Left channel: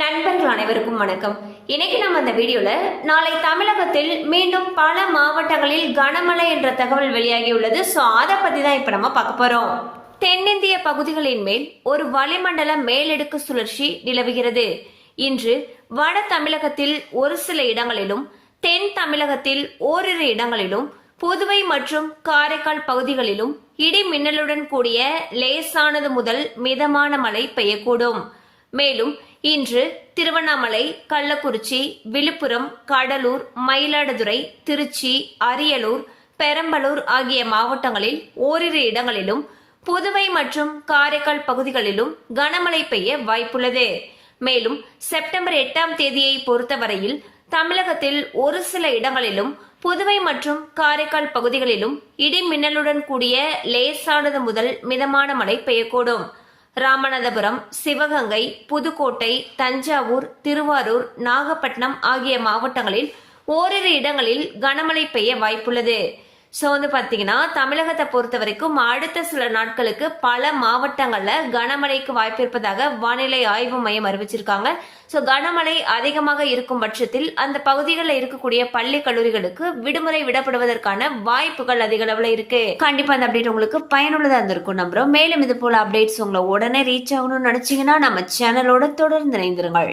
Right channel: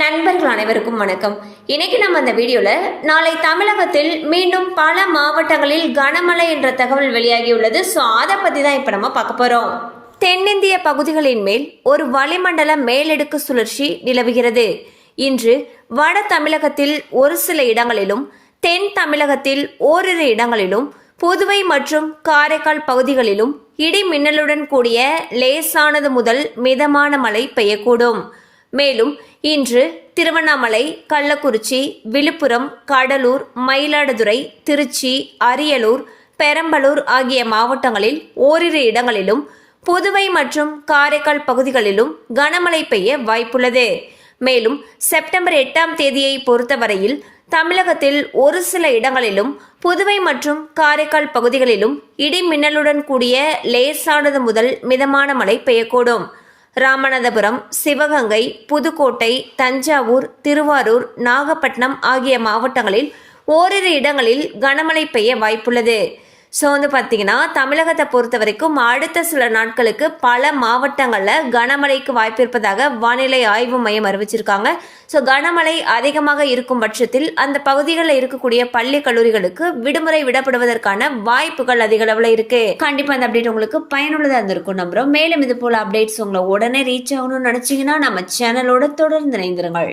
நண்பர்கள் அனைவருக்கும் வணக்கம். இன்னைக்கு நம்ம அந்த வீடியோல நாளை தமிழகத்தில் மீண்டும் பல மாவட்டங்களில் கனமழை என்ற தகவல் வெளியாகியுள்ளது. ஸோ அதை பத்தி தான் இப்ப நம்ம பார்க்க போறோம். தென்னிந்திய பகுதிகளின் மேல் ஒரு வளிமண்டல மேலடுக்கு சுழற்சி நிலவுகிறது. இன்று வட தமிழகத்தில் ஒரு சில இடங்களிலும், தென் தமிழகத்தில் ஓரிரு இடங்களிலும், புதுவை மற்றும் காரைக்கால் பகுதிகளிலும் இடி மின்னலுடன் கூடிய லேசானது முதல் மிதமான மழை பெய்யக்கூடும். மேலும் இன்று திருவண்ணாமலை, கள்ளக்குறிச்சி, விழுப்புரம், கடலூர், மயிலாடுதுறை, திருச்சி, அரியலூர், பெரம்பலூர் ஆகிய மாவட்டங்களில் ஓரிரு இடங்களிலும், புதுவை மற்றும் காரைக்கால் பகுதிகளிலும் கனமழை பெய்ய வாய்ப்புள்ளது. மேலும் செப்டம்பர் 8ஆம் தேதியை பொறுத்தவரையில் தமிழகத்தில் ஒரு சில இடங்களிலும், புதுவை மற்றும் காரைக்கால் பகுதிகளிலும் இடி மின்னலுடன் கூடிய லேசானது முதல் மிதமான மழை பெய்யக்கூடும். ராமநாதபுரம், சிவகங்கை, புதுக்கோட்டை, தஞ்சாவூர், திருவாரூர், நாகப்பட்டினம் ஆகிய மாவட்டங்களில் ஓரிரு இடங்களில் கனமழை பெய்ய வாய்ப்புள்ளது. ஸோ பார்த்தீங்கன்னா தமிழகத்தை பொறுத்த வரைக்கும் அடுத்த சில நாட்களுக்கு பல மாவட்டங்களில் கனமழைக்கு வாய்ப்பு இருப்பதாக வானிலை ஆய்வு மையம் அறிவிச்சிருக்காங்க. ஸோ கனமழை அதிகமாக இருக்கும் பட்சத்தில் அந்த பகுதிகளில் இருக்கக்கூடிய பள்ளி கல்லூரிகளுக்கு விடுமுறை விடப்படுவதற்கான வாய்ப்புகள் அதிக அளவில் இருக்கு. கண்டிப்பாக அந்த அப்டேட் உங்களுக்கு பயனுள்ளதாக இருந்திருக்கும் நம்புறோம். மேலும் இது போல அப்டேட்ஸ் உங்களை உடனே ரீச் ஆகணும்னு நினைச்சீங்கன்னா நம்ம சேனலோட தொடர்ந்து இணைந்திருங்கள்.